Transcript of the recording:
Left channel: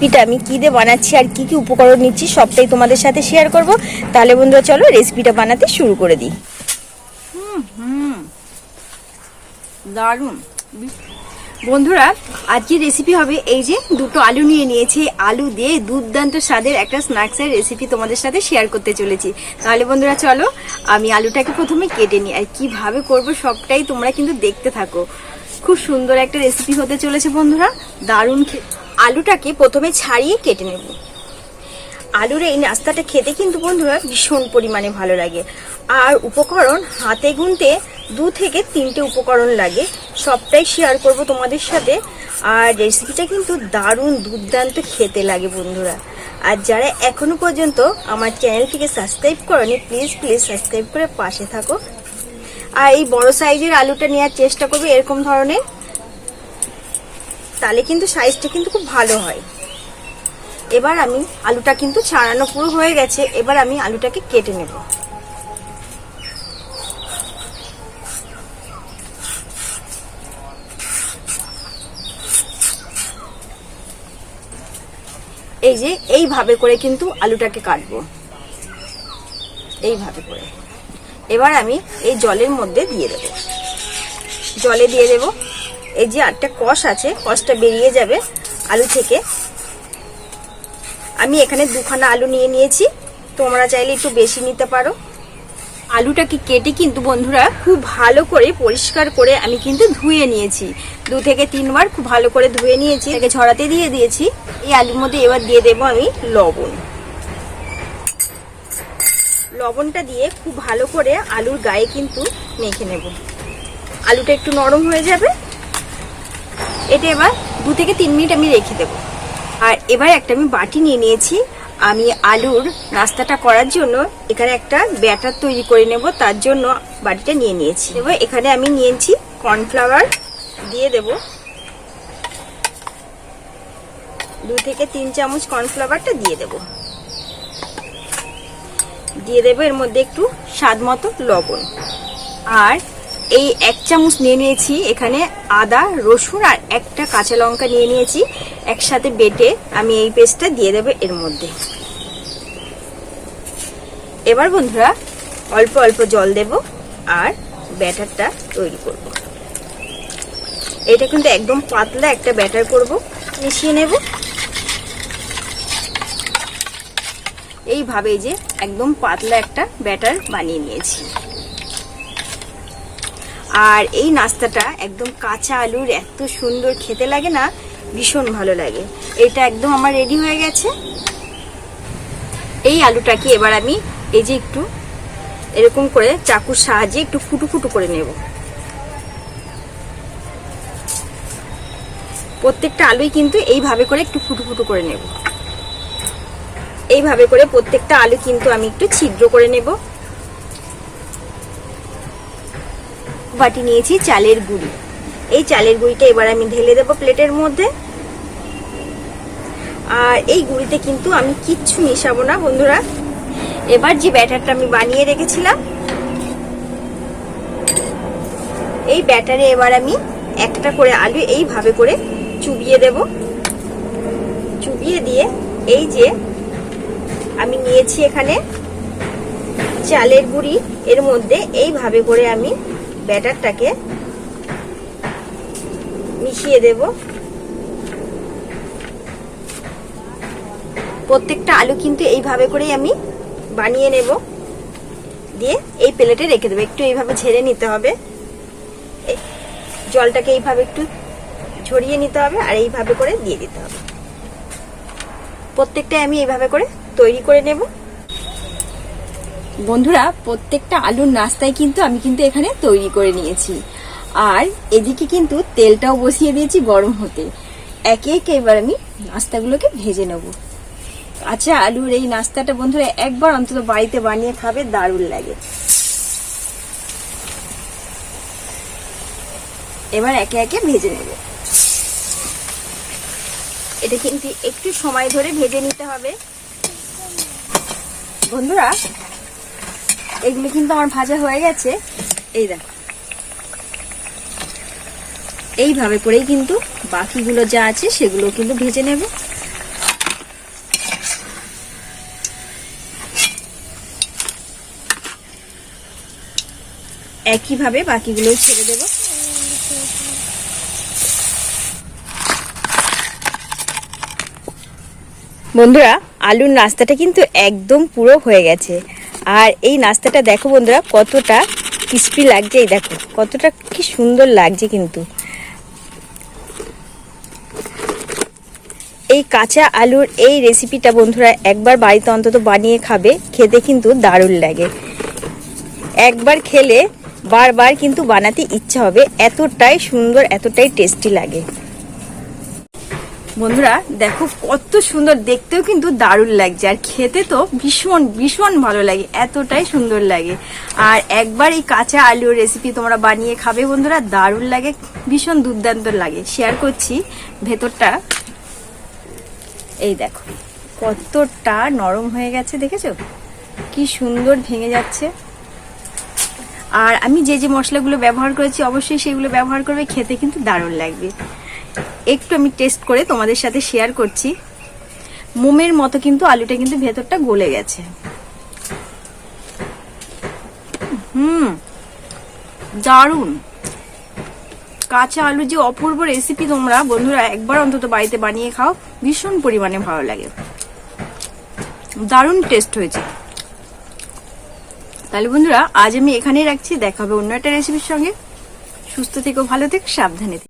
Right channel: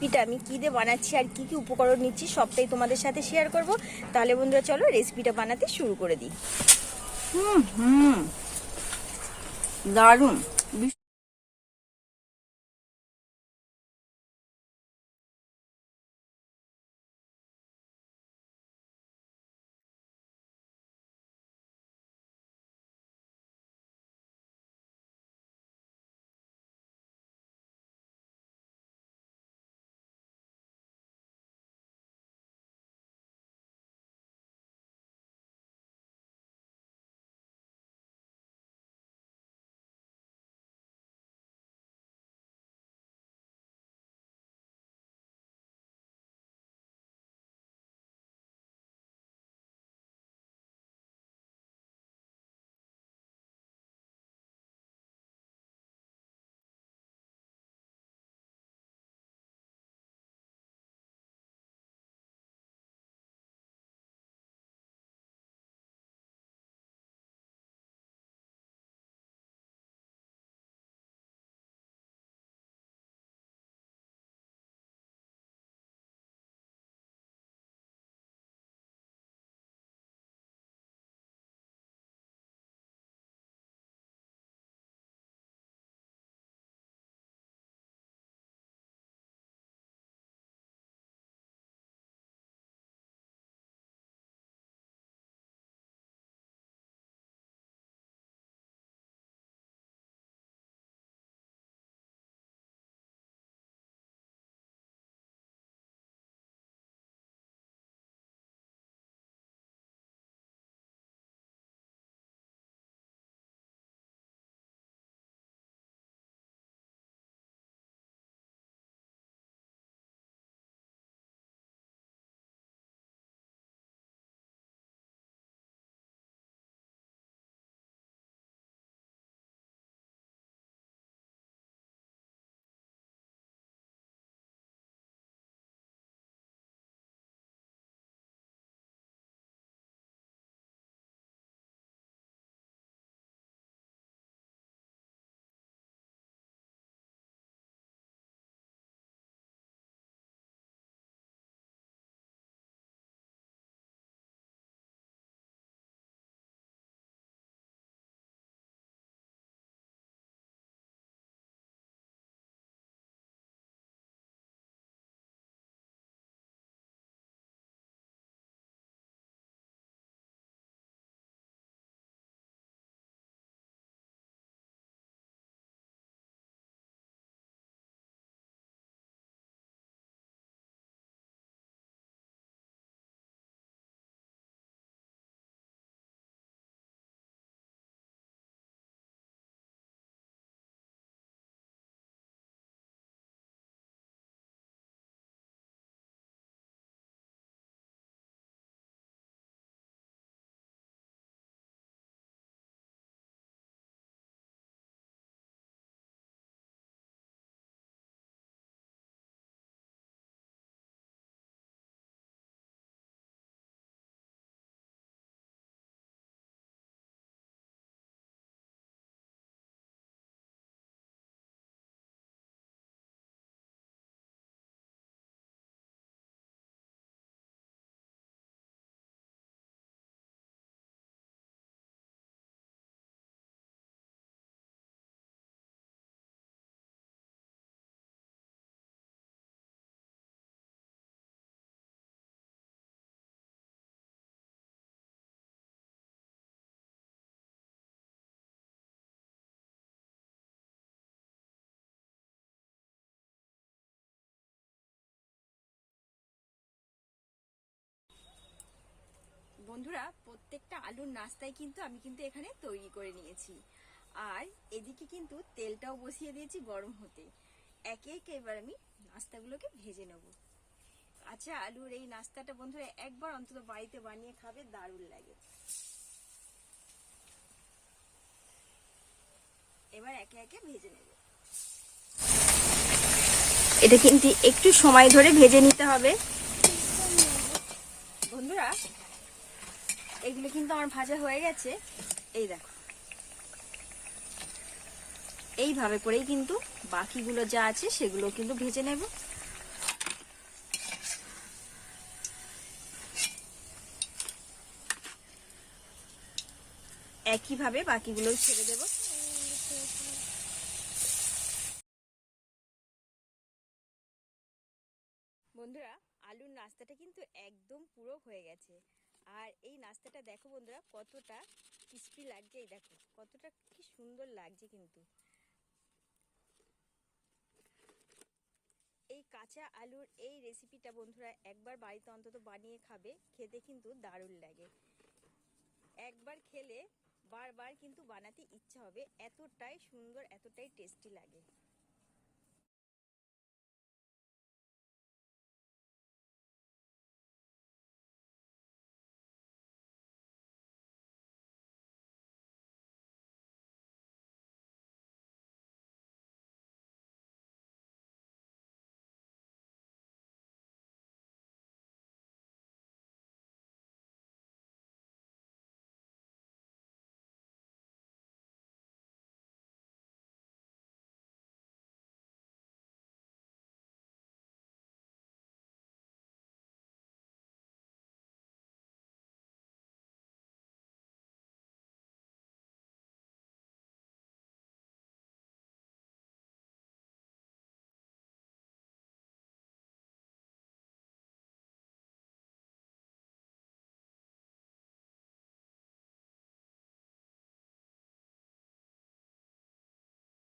রেসিপিটা আমি কি দিয়ে বানাচ্ছি আর কি কি উপকরণ নিচ্ছি সবটাই তোমাদের সাথে শেয়ার করব। তাহলে বন্ধুরা চলো রেসিপিটা বানাতে শুরু করে দিই। দারুণ বন্ধুরা, আজকের রেসিপি হবে এই যে দুটো আলু নিয়ে নিয়েছি। আলু দিয়ে দুর্দান্ত স্বাদের একটা স্ন্যাক্সের রেসিপি তোমাদের সাথে শেয়ার করতে চলেছি। তাহলে বন্ধুরা চলো আমি আলুটাকে প্রথমে কেটে নিই, আর কিভাবে করব সবটাই তোমরা কিন্তু দেখতে থাকো। খুব সুন্দর একটা রেসিপি হতে চলেছে বন্ধুরা, দারুণ। আলুটাকে প্রথমে ছাড়িয়ে কেটে নেব। আলুর এই নাস্তাটা খেতে কিন্তু বন্ধুরা ভীষণ পরিমাণে ভালো লাগে। আর উপকরণ হাতে গুনতে 2 থেকে 3টে উপকরণ লাগে, সবটাই শেয়ার করব তোমাদের সাথে। আর রেসিপিটা কিন্তু দারুণ দুর্দান্ত খেতে লাগে বন্ধুরা। আর যারা এখনো পর্যন্ত আমার চ্যানেলটিকে সাবস্ক্রাইব করনি, প্লিজ সাবস্ক্রাইব করে পাশে থাকো। আর এই বড় সাইজের আলুটা নেওয়ার চেষ্টা করবে এরকম ধরনের, তাহলে কিন্তু সাইজটা কিন্তু খুব ভালো হয়। এবার আমি আলুটা কিন্তু ছাড়ানো পুরো হয়ে গেছে, এবার আমি আলুটাকে কেটে নেব। এই যে এইভাবে করে কিন্তু আলুটাকে কাটবো, এইভাবে করে। এবার আমি এই জলের মধ্যে দিয়ে দেব, জলে দিয়ে দেব। এই যে একটা কষ আছে, কষটা বেরিয়ে যাবে আলু থেকে। আমি এখানে 2খানা আলু নিয়ে নিয়েছি, তোমরা চাইলে একটু বেশি নিতে পারো। আলুটাকে কেটে কিন্তু বন্ধুরা খুব ভালো করে পরিষ্কার করে আমি কিন্তু ধুয়ে নিয়েছি। 2 থেকে 3 বার খুব ভালো করে ধুয়ে নিয়েছি, এটাকে ঝরাতে দিয়ে দিয়েছি। এই আলুর মধ্যে এবার দিয়ে দেবো আমি লবণ। লবণটা দিয়ে খুব ভালো করে আলুর গায়ে কিন্তু মেখে নেব। আলুটা একটু নরম হয়ে যাবে, এটা এবার 2 থেকে 3 মিনিট আমি রেখে দেব। আর এবার একটা আমি বাটি নিয়ে নিয়েছি। আমি আলুর নাস্তাটা করার জন্য এখানে একটা ব্যাটার তৈরি করে নেব, তার জন্য বাটিটা নিয়ে নিয়েছি। এবার এখানে আমি নিয়েছি কর্নফ্লাওয়ার, দিয়ে দেব 2 থেকে 3 চামচ কর্নফ্লাওয়ারটা দিয়ে দেব। দিয়ে দেব এর মধ্যে একটু স্বাদ মতো লবণ। আর এই 1 চামচ নিয়ে নিয়েছি এখানে আদা, রসুন আর একটা কাঁচা লঙ্কা নিয়ে নিয়েছি, একসাথে বেটে আমি এই পেস্টটা দিয়ে দেব এর মধ্যে। এবার বন্ধুরা অল্প অল্প জল দেব আর ব্যাটারটা তৈরি করব। এটা কিন্তু একদম পাতলা একটা ব্যাটার করব, মিশিয়ে নেব এইভাবে। যে একদম পাতলা একটা ব্যাটার বানিয়ে নিয়েছি। আর এই নাস্তাটা একদম কাঁচা আলুর এত সুন্দর খেতে লাগে না, ভীষণ ভালো লাগে। এটা একদম আমার রেডি হয়ে গেছে। এই আলুটাকে এবার আমি এই যে একটু এরকম করে চাকুর সাহায্যে একটু ফুটো ফুটো করে নেব। প্রত্যেকটা আলুই কিন্তু এইভাবে করে একটু ফুটো ফুটো করে নেব। এইভাবে করে প্রত্যেকটা আলু কিন্তু আমি একটু ছিদ্র করে নেব। বাটি নিয়েছি চালের গুঁড়ি, এই চালের গুঁড়িটা এবার আমি ঢেলে দেব প্লেটের মধ্যে। আর এই গুঁড়িতে কিন্তু আমি কিচ্ছু মিশাবো না বন্ধুরা। এবার যে ব্যাটারটা আমি বানিয়ে রেখেছিলাম, এই ব্যাটারে এবার আমি একটা করে আলু এইভাবে করে চুবিয়ে দেব। চুবিয়ে দিয়ে এই যে আমি নিয়েছি এখানে চালের গুঁড়ি, এর মধ্যে এইভাবে করে আমি ব্যাটারটাকে মিশিয়ে দেব। প্রত্যেকটা আলু কিন্তু এইভাবে করেই আমি বানিয়ে নেব, দিয়ে এই প্লেটে রেখে দেবো। একটু এইভাবে ঝেড়ে নিতে হবে, জলটাকে এইভাবে একটু ঝরিয়ে নিতে হবে আর এইভাবে করে দিয়ে দিতে হবে। প্রত্যেকটাই আমি এইভাবে করে তৈরি করে নেব বন্ধুরা। প্রত্যেকটা আলুর নাস্তায় কিন্তু আমি কিন্তু এখানে তৈরি করে নিয়েছি। আর এদিকে কিন্তু তেলটাও বসিয়ে দিয়েছি গরম হতে। একে একে এবার আমি নাস্তাগুলোকে ভেজে নেব। আচ্ছা, আলুর এই নাস্তাটা বন্ধুরা একবার অন্তত বাড়িতে বানিয়ে খাবে, দারুণ লাগে। এবার একে একে ভেজে নেব। এটা কিন্তু একটু সময় ধরে ভেজে নিতে হবে বন্ধুরা। এগুলো কিন্তু আমার ভাজা হয়ে গেছে, এই দেখো। এইভাবে করেই কিন্তু বাকিগুলো যা আছে সেগুলো কিন্তু ভেজে নেব। একইভাবে বাকিগুলো ছেড়ে দেব। বন্ধুরা, আলুর নাস্তাটা কিন্তু একদম পুরো হয়ে গেছে। আর এই নাস্তাটা দেখো বন্ধুরা কতটা ক্রিস্পি লাগছে, এই দেখো কতটা কি সুন্দর লাগছে। কিন্তু এই কাঁচা আলুর এই রেসিপিটা বন্ধুরা একবার বাড়িতে অন্তত বানিয়ে খাবে, খেতে কিন্তু দারুণ লাগে। একবার খেলে বারবার কিন্তু বানাতে ইচ্ছা হবে, এতটাই সুন্দর, এতটাই টেস্টি লাগে। বন্ধুরা দেখো কত সুন্দর, দেখতেও কিন্তু দারুণ লাগছে, আর খেতে তো ভীষণ ভীষণ ভালো লাগে, এতটাই সুন্দর লাগে। আর একবার এই কাঁচা আলুর রেসিপি তোমরা বানিয়ে খাবে বন্ধুরা, দারুণ লাগে, ভীষণ দুর্দান্ত লাগে। শেয়ার করছি ভেতরটা, এই দেখো কতটা নরম হয়ে গেছে, দেখেছো কি সুন্দর ভেঙে যাচ্ছে। আর আমি যে যে মশলাগুলো ব্যবহার করেছি অবশ্যই সেগুলো ব্যবহার করবে, খেতে কিন্তু দারুণ লাগবে। একটু আমি টেস্ট করে তোমাদের সাথে শেয়ার করছি। মোমের মতো কিন্তু আলুটা কিন্তু ভেতরটা গলে গেছে। দারুণ কাঁচা আলু যে অপূর্ব রেসিপি, তোমরা বন্ধুরা একবার অন্তত বাড়িতে বানিয়ে খাও, ভীষণ পরিমাণে ভালো লাগে, দারুণ টেস্ট হয়েছে। তাহলে বন্ধুরা আজ আমি এখানেই রাখছি, দেখা হবে অন্য একটা রেসিপির সঙ্গে। সুস্থ থেকো, ভালো থেকো, সাবধানে থেকো।